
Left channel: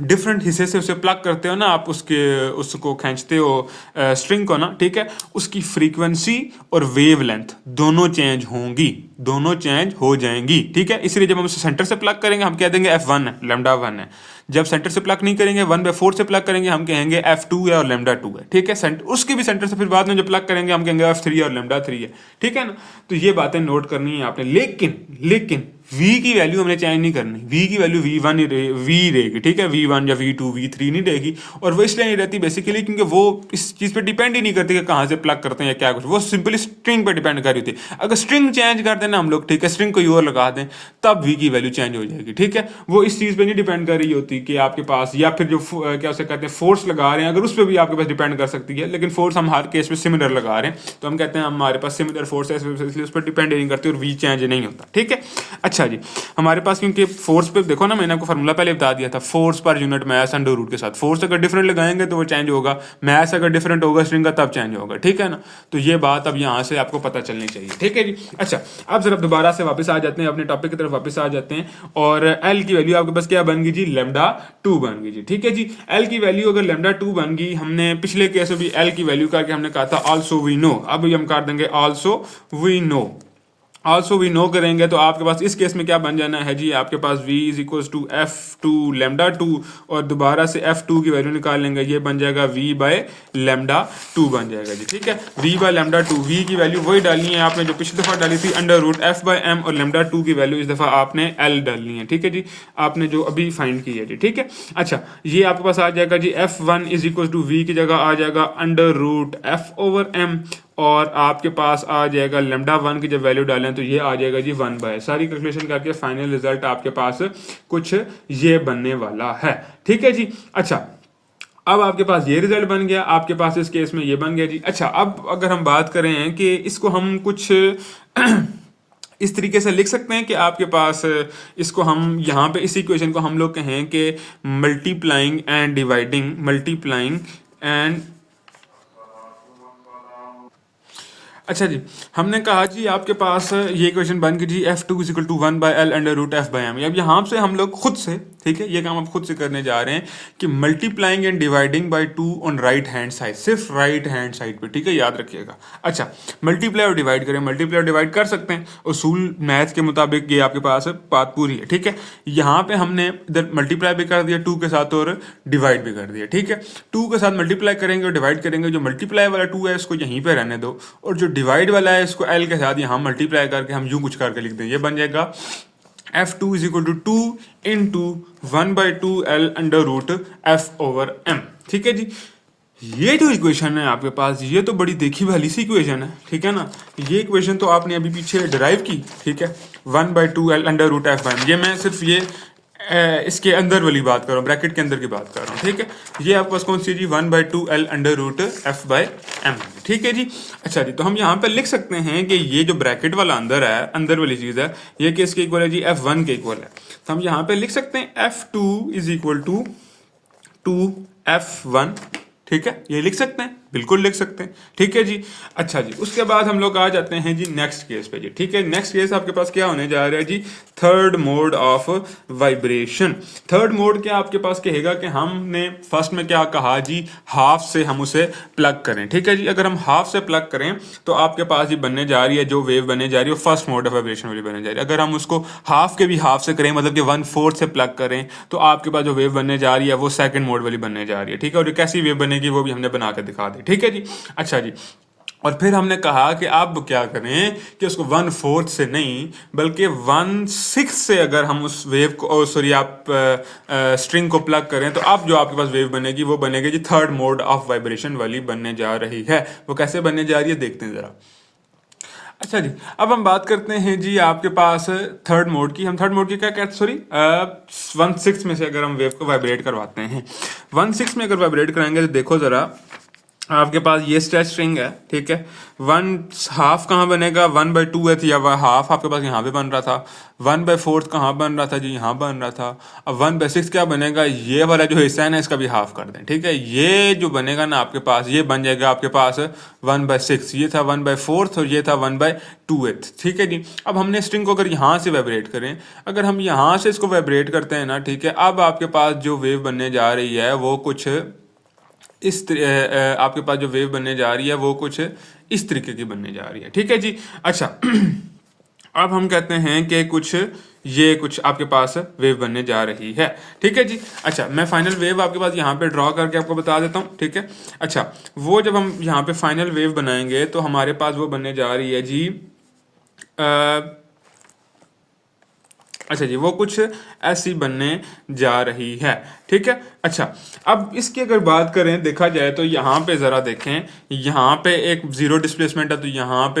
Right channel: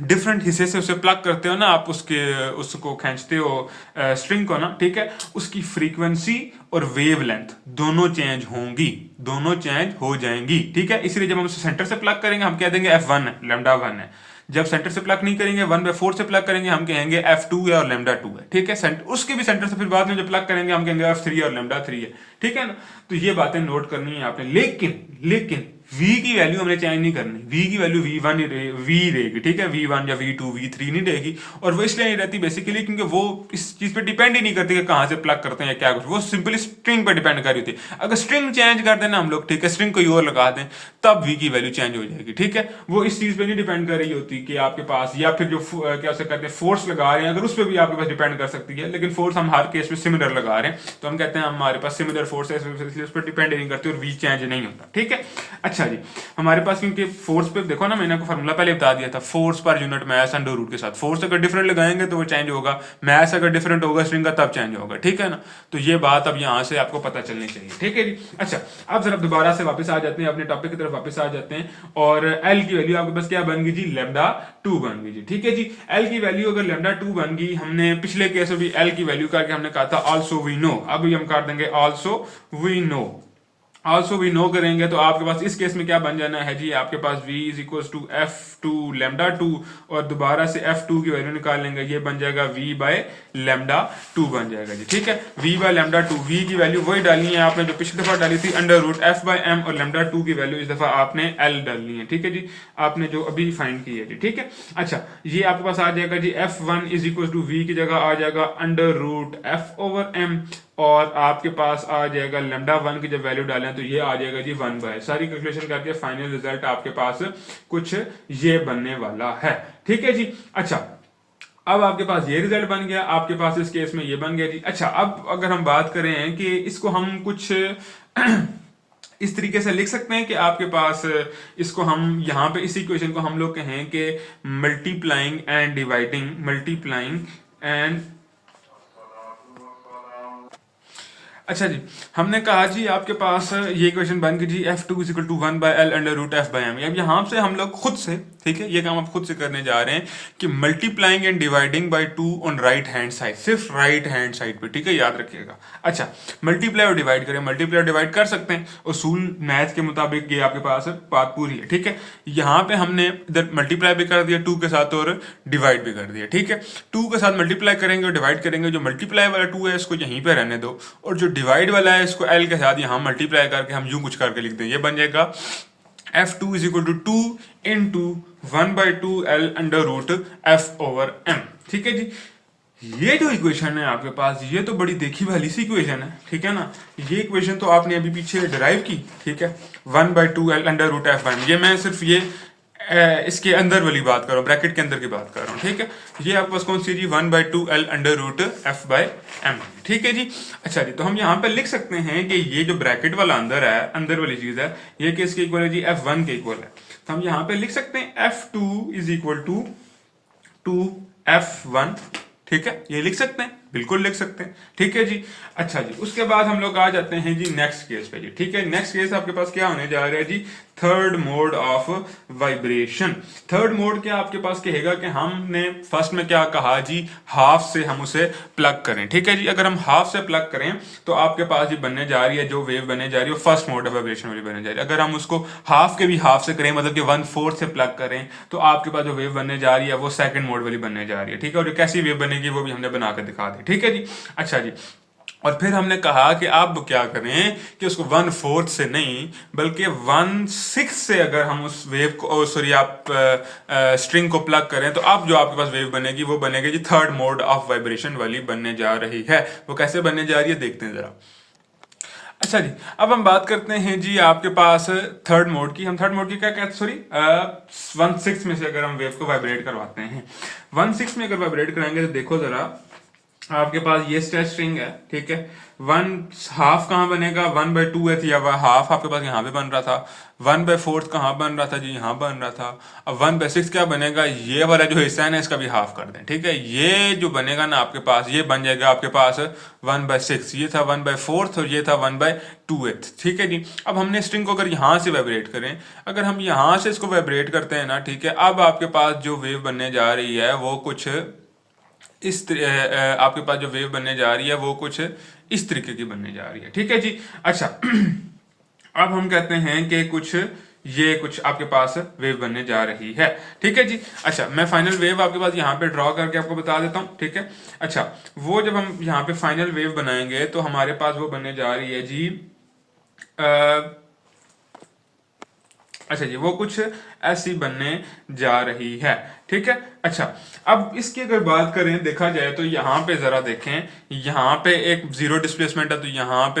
डिफरेंट हिस्से से उसे प्लग करते हो ना, आप उसको खींचते हो स्ट्रिंग को ना, ठीक है, उसकी फ्रीक्वेंसी और वेव लेंथ दोनों चेंज होंगी, दोनों चेंज हो जाएंगी, ठीक है। इसलिए जब हम उसे सेंटर से प्लग करेंगे हम कह देंगे F1 है, λ1 है। जब सेंटर से प्लग नहीं करेंगे, 1/4 से प्लग करेंगे, हम कहेंगे F2 है और λ2 है, ठीक है। उसके भी सेंटर से फिर बाद में जब प्लग करेंगे हम कहेंगे F3 और λ3 है, ठीक है ना। तो ये बातें नोट करनी है आपने। लेकिन v की वैल्यू हमने चेंज नहीं करनी, v की वैल्यू v1 v रहेगी, ठीक है, v1 या v2 v3 नहीं रहेगी। और वो इसलिए नहीं रहती बेसिकली क्योंकि वो इस चीज पे डिपेंड ही नहीं करती कि कहां से प्लग करते हैं या क्या कुछ, वो सिंपली स्ट्रिंग पे डिपेंड कर रही थी। अगर स्ट्रिंग चेंज कर देना हम लोग, ठीक है, स्ट्रिंग कोई और लगा दें, तब v की वैल्यू चेंज हो जाएगी, ठीक है। वो इस चीज पे नहीं डिपेंड कर रही होती कि आपके पास, या फिर जो क्या से कहते हैं फोर्स लगा रहे हैं, अगर उस पर भी आपके पास डिपेंड कर सकती है, लेकिन फोर्स हम हर केस में सिमिलर लगा रहे हैं, तो हम कहते हैं हमारे पास सिमिलर फोर्स है, इसलिए उस पर डिपेंड नहीं करती और v चेंज नहीं होता, ठीक है। अच्छा जी, हमारे पास क्योंकि फोर्स पे देखो ना, मैंने आपको फार्मूला पहले बता दिया था, force per unit mass under root के साथ। फोर्स अगर डिफरेंट लगाएंगे तो वो चेंज होगा, मास अगर डिफरेंट होगा स्ट्रिंग का तब चेंज होगा, ठीक है ना। तो ये बात अब यहाँ से आपको पता चलनी चाहिए, ठीक है जी। अच्छा, अब जरा दोबारा से वापस आ जाते हैं, अपने टॉपिक की तरफ वापस आ जाते हैं। और एल की वैल्यू आपके पास क्या बन गई जी, λ2 बन गई जी, ठीक है जी। एल की वैल्यू अगर λ2 बन गई, हमने पिछले केस में भी एल की वैल्यू करके हमने कहा था ऑल्सो वी नो, अभी हम कर देंगे also we know. Also we know करेंगे तो आपके पास इस केस में क्या बन जाना है जी, आपके पास v is equal to F2 λ2, और दोबारा से F2 की वैल्यू निकाल लेंगे, ये बन जाएगा v/λ2 बन जाएगा जी, ठीक है। v/λ2, v की वैल्यू वही डालनी है आपने जो पिछली दफा डाली थी √f/m, और λ2 की वैल्यू इस दफा आपने l डालनी है, ठीक है जी, आपने जो अभी फाइंड की है जी, ठीक है। अच्छा, ये आपके पास आ जाएगा जी F1 is equal to v की जगह आ जाएगा √f/m, और आपके पास आ जाएगा λ1 की जब वैल्यू डालें तो ये आ जाएगा जी 1/, सारी कैलकुलेशन करके फाइनल रिजल्ट आपके पास कुछ ये बनने वाला है, ठीक है जी। अच्छा, अब आपके पास ये रिजल्ट बन गया, आपके पास इस केस में ये बन गया जी। अच्छा, अब अगर हम बात करें कि इसको हम कुछ इस तरीके से लिख सकते हैं कि आपके पास इसको हम यहाँ पे इस इक्वेशन को हम लोग कहें कि multiplying and dividing, multiplying and, अच्छा जी, हमने कहा जी आपके पास ये इक्वेशन बन गई जी F2 = 1/L √f/m। अब यहाँ से हम लोग खुद से ठीक है, ये काम आप खुद से करने जा रहे हैं कि multiplying and dividing by 2 on right hand side, सिर्फ राइट हैंड साइड पे, ठीक है, याद रखिएगा। अच्छा, मल्टीप्लाई और डिवाइड करें, मल्टीप्लाई और डिवाइड कर सकते हैं, उसूल मैथ के मुताबिक ये आपके पास बात पूरी है, ठीक है। यहाँ पे हमने इधर मल्टीप्लाई भी कर दिया 2 के साथ और डिवाइड भी कर दिया, ठीक है। 2 के साथ मल्टीप्लाई करेंगे और डिवाइड करेंगे, जो मल्टीप्लाई वाला 2 है इसको यहीं पे रहने दो, और जो डिवाइड वाला है इसको l के साथ यहाँ मल्टीप्लाई करके हम यूं कुछ करके लिख दें, ये बन जाएगा f2 is equal to 2 into 1/2 l under root f over m, ठीक है जी। ये जो इक्वेशन है आपके पास, ये तो बड़ी देखी भाली सी इक्वेशन है, ठीक है ना। ये इक्वेशन तो आपने अभी पीछे डिराइव की, ठीक है, 1/2 l अंडर रूट f1, ये मैं सिर्फ ये इसके अंदर वाली बात कर रहा हूँ, ब्रैकेट के अंदर की बात कर रहा हूँ, ठीक है। ये आपके पास कौन सी जी, 1/2 l अंडर रूट f/m, ठीक है जी। अच्छा जी, तो हम यहाँ पे लिख सकते हैं कि ये जो ब्रैकेट वाला अंदर है, अंदर वाली चीज है, ये किसके इक्वल है जी, f1 के इक्वल है। तो हम यहाँ पे लिख सकते हैं f2 is equal to 2f1, ठीक है, ये लिख सकते हैं, बिल्कुल लिख सकते हैं, ठीक है जी। अच्छा जी, उसके बाद हम लोग आ जाते हैं जी नेक्स्ट केस पे जी, ठीक है। नेक्स्ट केस आपके पास क्या होने जा रहा है जी, third mode of vibration. Third mode क्या आपके पास कहेगा कि हमने फर्स्ट में क्या कहा जी, हाफ से हम उसे प्लग करें, ठीक है जी। अगर हम हाफ से प्लग करें तो आपके पास जी बनने जा रही है, जो वेव बनने जा रही है फर्स्ट मोड ऑफ वाइब्रेशन वाली बनने जा रही है। अगर हम उसको हाफ के भी हाफ से करें, मतलब कि 1/4 से प्लग करें, तो आपके पास जो वेव बनने जा रही है वो सेकंड मोड वाली बनने जा रही है, ठीक है। और जो कैसी वेव बनेगी वो भी हमने बना के दिखा दी, ठीक है जी। अच्छा जी, और फिर हमने कहा कि आप क्या करें कि उसको 1/4 से नहीं बल्कि 1/6 से अगर हम उस वेव को, सॉरी आप स्ट्रिंग को प्लग करें, तो अब जो आपके पास वेव बनेगी वो बनेगी जी थर्ड मोड ऑफ वाइब्रेशन वाली बनने जा रही है। वो कैसे बनने जा रही है देखते हैं जरा। अच्छा जी, अब हम बात करते हैं जी आपके पास थर्ड मोड की। हम थर्ड मोड की क्या कहते हैं, सॉरी 1/6 में से अगर हम वेव को वाइब्रेट करवाते हैं, 1/6 में अगर वाइब्रेट कराएंगे तो देखो जरा, आपके पास ये स्ट्रेच स्ट्रिंग है, ठीक है। 1/2 कहाँ बनेगा, 1/2 है, या वह हाफ आपके पास यहाँ पे बन रहा था। 1/4 कहाँ बन रहा था जी, यहाँ बन रहा था। अब 1/6 क्या बनेगा, ये वाला जो हिस्सा है ना इसका भी हाफ कर दें, ठीक है। ये जो बनेगा ना आपके पास, ये बन जाएगा आपके पास 1/6, ये था 1/4 और ये था 1/2, ठीक है जी। अब हमने स्ट्रिंग को अगर यहाँ से वाइब्रेट करें, अगर हम यहाँ से इसको वाइब्रेट करते हैं ना, ठीक है, अब आपके पास जो वेव बनने जा रही है वो कुछ आपके पास जो वेव बनने जा रही है वो कुछ इस तरीके की बनने जा रही है, ठीक है जी। अच्छा अब हम कहते हैं कि कुछ आपके पास वेव बनने जा रही है, ठीक है जी। अच्छा, मैं फाइनल वेव आपके पास यहाँ पे ड्रॉ करके आपको बता देता हूँ, ठीक है। अच्छा, वो जब हम यहाँ पे फाइनल वेव बनाएंगे तो हमारे पास वो बनने जा रही है जी अच्छा जी, वो कुछ ऐसी बनने जा रही है, ठीक है। अच्छा, अब इसकी अगर बात करें, देखा जाए तो यहाँ पे जरा देखें, यहाँ पे एक जीरो डिस्प्लेसमेंट है, तो यहाँ पे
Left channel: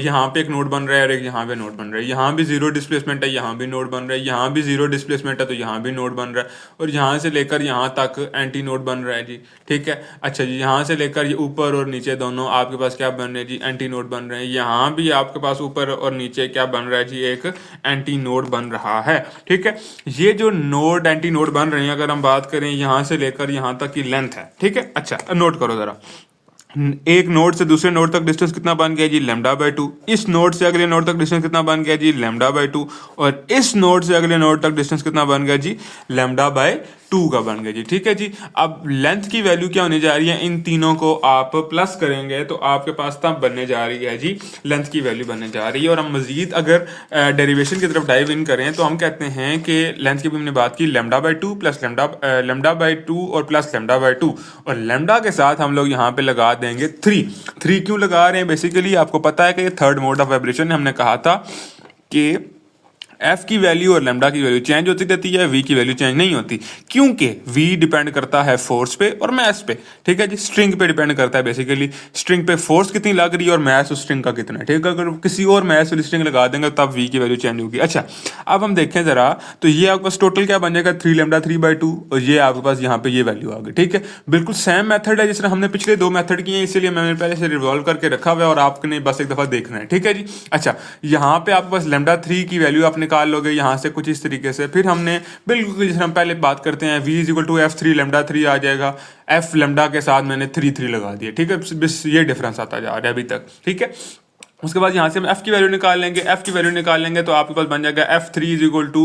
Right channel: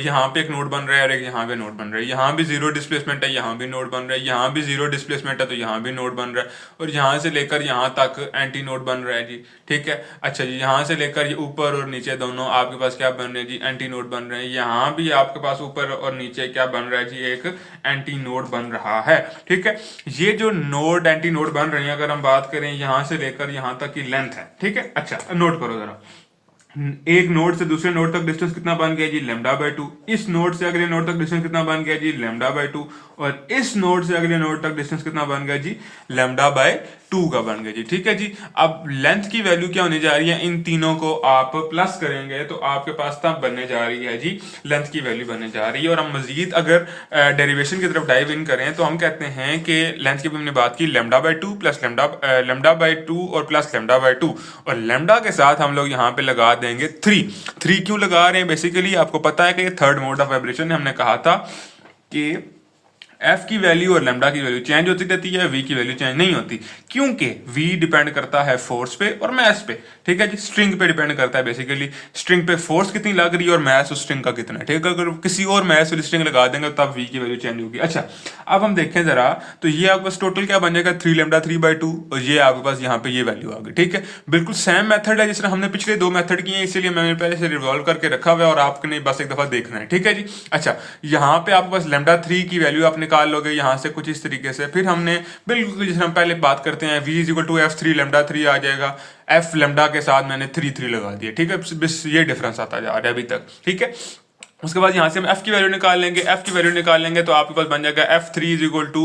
यहाँ पे एक नोड बन रहा है और एक यहाँ पे नोड बन रहा है। यहाँ भी जीरो डिस्प्लेसमेंट है, यहाँ भी नोड बन रहा है। यहाँ भी जीरो डिस्प्लेसमेंट है तो यहाँ भी नोड बन रहा है, और यहाँ से लेकर यहाँ तक एंटी नोड बन रहा है जी, ठीक है। अच्छा जी, यहाँ से लेकर ये ऊपर और नीचे दोनों आपके पास क्या बन रहे हैं जी, एंटी नोड बन रहे हैं। यहाँ भी आपके पास ऊपर और नीचे क्या बन रहा है जी, एक एंटी नोड बन रहा है, ठीक है। ये जो नोड एंटी नोड बन रहे हैं, अगर हम बात करें यहाँ से लेकर यहाँ तक की लेंथ है, ठीक है। अच्छा, नोट करो जरा, एक नोड से दूसरे नोड तक डिस्टेंस कितना बन गया जी, λ/2। इस नोड से अगले नोड तक डिस्टेंस कितना बन गया जी, λ/2। और इस नोड से अगले नोड तक डिस्टेंस कितना बन गया जी, λ/2 का बन गया जी, ठीक है जी। अब लेंथ की वैल्यू क्या होने जा रही है, इन तीनों को आप प्लस करेंगे तो आपके पास तब बनने जा रही है जी, लेंथ की वैल्यू बनने जा रही है। और हम मजीद अगर डेरिवेशन की तरफ डाइव इन करें तो हम कहते हैं कि लेंथ की भी हमने बात की, λ/2 प्लस λ/2 और प्लस λ/2, और लैम्डा के साथ हम लोग यहाँ पे लगा देंगे 3 क्यों लगा रहे हैं, बेसिकली आपको पता है कि ये थर्ड मोड ऑफ वाइब्रेशन। हमने कहा था कि एफ की वैल्यू और लैम्डा की वैल्यू चेंज होती रहती है, वी की वैल्यू चेंज नहीं होती, क्योंकि वी डिपेंड करता है फोर्स पे और मैस पे, ठीक है जी। स्ट्रिंग पे डिपेंड करता है, बेसिकली स्ट्रिंग पे फोर्स कितनी लग रही है और मैस उस स्ट्रिंग का कितना है, ठीक है। अगर किसी और मैस वाली स्ट्रिंग लगा देंगे तब वी की वैल्यू चेंज होगी। अच्छा, अब हम देखें जरा, तो ये आपके पास टोटल क्या बन जाएगा, 3λ 3/2, और ये आपके पास यहाँ पे ये वैल्यू आ गई, ठीक है। बिल्कुल सेम मेथड है जिस तरह हमने पिछले 2 मेथड किए हैं, इसीलिए मैंने पहले से रिवॉल्व करके रखा हुआ है और आपने बस एक दफा देखना है, ठीक है जी। अच्छा, यहाँ पे आपके पास λ3 की वैल्यू आप निकाल लोगे यहाँ से कुछ इस तरीके से। फिर हमने बिल्कुल जिस हम पहले बात करते हैं, v is equal to f3 λ3 आ जाएगा, f लैम्डा के साथ मैंने 3 लगा दिया, ठीक है। बस ये डिफरेंस आता जा रहा है अभी तक, ठीक है। उसके बाद यहाँ से हम f की वैल्यू निकाल लेंगे। f की वैल्यू निकाल लेंगे तो आपके पास बन जाएगा f3 इज इक्वल टू,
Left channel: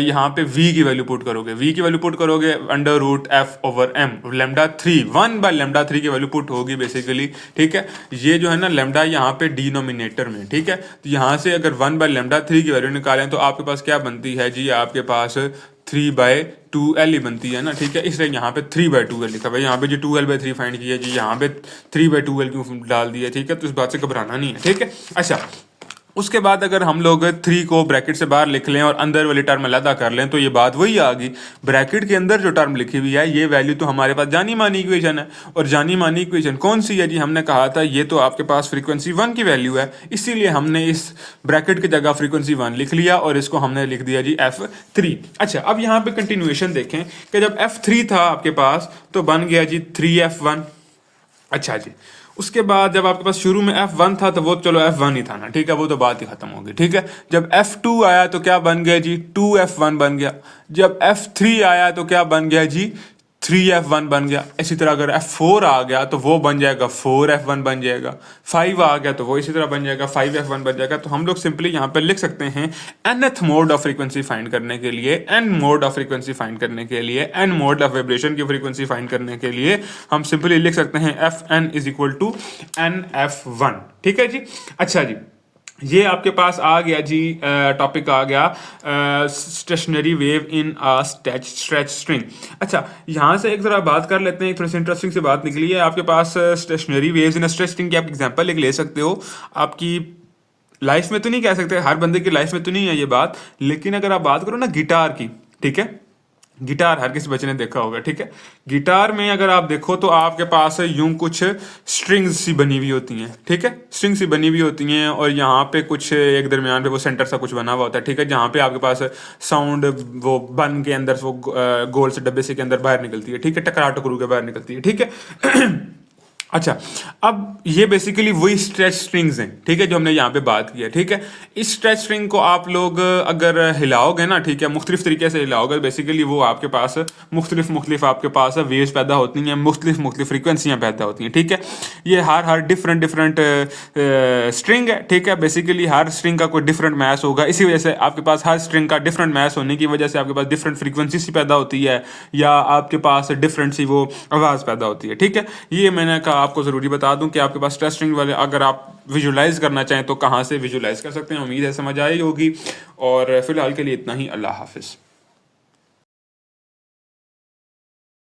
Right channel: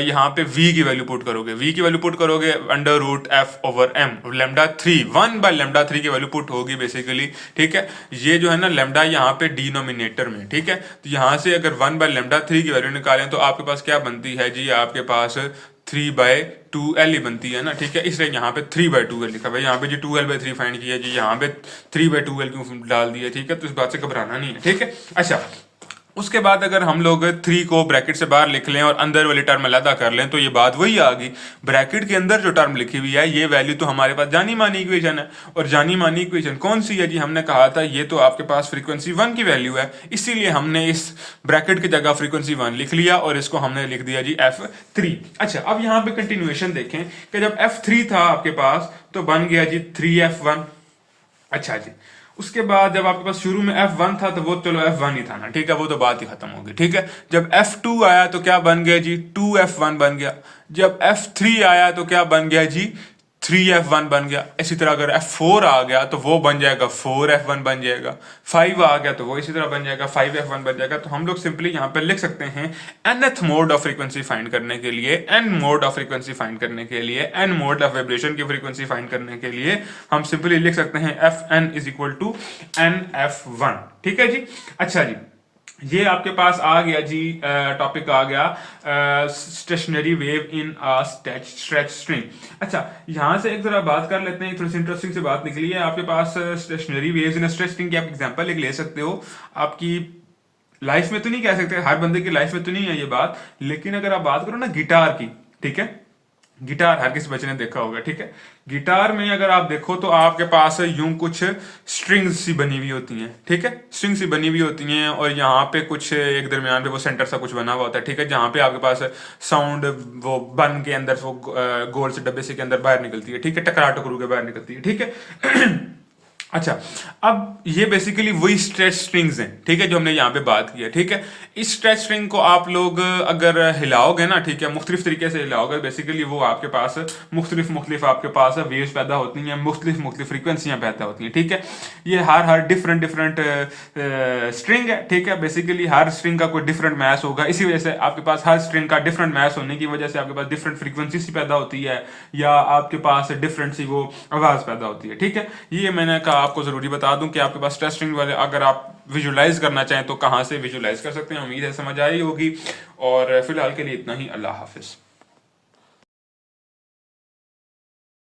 यहाँ पे v की वैल्यू पुट करोगे, v की वैल्यू पुट करोगे under root f over m, lambda 3 1 by lambda 3 की वैल्यू पुट होगी बेसिकली, ठीक है। ये जो है ना लेमडा यहाँ पे डिनोमिनेटर में, ठीक है। तो यहाँ से अगर 1 बाय लेमडा 3 की वैल्यू निकालें तो आपके पास क्या बनती है जी, आपके पास 3/2l ही बनती है ना, ठीक है। इसलिए यहाँ पे 3/2l लिखा भाई, यहाँ पे जी 2l/3 फाइंड किया जी, यहाँ पे 3/2l क्यों डाल दिया, ठीक है। तो इस बात से घबराना नहीं है, ठीक है। अच्छा, उसके बाद अगर हम लोग 3 को ब्रैकेट से बाहर लिख लें और अंदर वाली टर्म अलग कर लें तो ये बात वही आ गई, ब्रैकेट के अंदर जो टर्म लिखी हुई है ये वैल्यू तो हमारे पास जानी मानी इक्वेशन है। और जानी मानी इक्वेशन कौन सी है जी, हमने कहा था ये तो आपके पास फ्रीक्वेंसी 1 की वैल्यू है, इसीलिए हमने इस ब्रैकेट की जगह फ्रीक्वेंसी 1 लिख लिया और इसको हमने लिख दिया जी f3। अच्छा, अब यहाँ पे कंटिन्यूएशन देखें कि जब f3 था आपके पास तो बन गया जी 3f1। अच्छा जी, उसके बाद जब आपके पास शुरू में f1 था तो वो चलो f1 ही था ना, ठीक है, वो तो बात ही खत्म होगी, ठीक है। जब f2 आया तो क्या बन गया जी, 2f1 बन गया। जब f3 आया तो क्या बन गया जी, 3f1 बन गया। इसी तरह अगर f4 आ गया तो वो बन जाएगा 4f1 बन जाएगा, 5 आ गया तो वो इसी तरह बन जाएगा 5f1 बन जाएगा। तो हम लोग सिंपली यहाँ पे लिख सकते हैं nth mode of frequency find करने के लिए, n mode of frequency find करने के लिए, n मोड ऑफ वाइब्रेशन की फ्रीक्वेंसी फाइंड करने के लिए हम सिंपली लिख सकते हैं fn is equal to nf1, ठीक है जी। अच्छा जी, ये आपके पास आ गया जी, टॉपिक आ गया stationary wave in stretch string. अच्छा, यहाँ से एक जरा बात कर लेते हैं, थोड़ी सी इंटरेस्टिंग सी बात निकली है आपके पास। Stationary waves in stretch string की आप एग्जांपल एक ले सकते हो, आपकी लाइफ में तो नहीं कह सकते, हर बंदे की लाइफ में तो नहीं है ये बात, लेकिन अगर आप बात करो ना गिटार की, ठीक है, गिटार हर किसी बच्चे ने देखा होगा, ठीक है। गिटार में अगर आप देखो तो आपके पास यूं कुछ स्ट्रिंग्स सी बनी हुई होती हैं, ठीक है, स्ट्रिंग सी बनी हुई होती हैं और यहाँ पे कुछ एक दरमियान पे वो सेंटर सा कुछ बना हुआ होता है, ठीक है, जहाँ पे आपके पास साउंड वो बन के अंदर वो गोल से डब्बे से के अंदर बाहर निकलती है, ठीक है, टकरा टकरू के बाहर निकलती है, ठीक है। अच्छा, अब ये बेसिकली वही स्ट्रेच स्ट्रिंग्स हैं, ठीक है, जो हमने यहाँ पे बात की है, ठीक है। इस स्ट्रेच स्ट्रिंग को आप लोग अगर हिलाओगे ना, ठीक है, मुख्तलिफ तरीके से हिलाओगे, बेसिकली वो आपके पास मुख्तलिफ आपके पास वेव्स पैदा होती हैं, मुख्तलिफ फ्रीक्वेंसियाँ पैदा होती हैं, ठीक है। ये हर डिफरेंट स्ट्रिंग है, ठीक है, बेसिकली हर स्ट्रिंग का कोई डिफरेंट मैथ होगा, इसी वजह से आपके पास हर स्ट्रिंग का डिफरेंट मैथ होने की वजह से आपके पास डिफरेंट फ्रीक्वेंसी सी पैदा होती है या आपके पास डिफरेंट सी वो आवाज़ पैदा होती है, ठीक है। ये मैंने कहा आपको ज़रूरी बता दूं कि आपके पास स्ट्रेच स्ट्रिंग वाले अगर आप विजुलाइज करना चाहें तो कहाँ से विजुलाइज कर सकते हैं। उम्मीद है समझ आई होगी, और फिलहाल के लिए इतना ही। अल्लाह हाफिज़।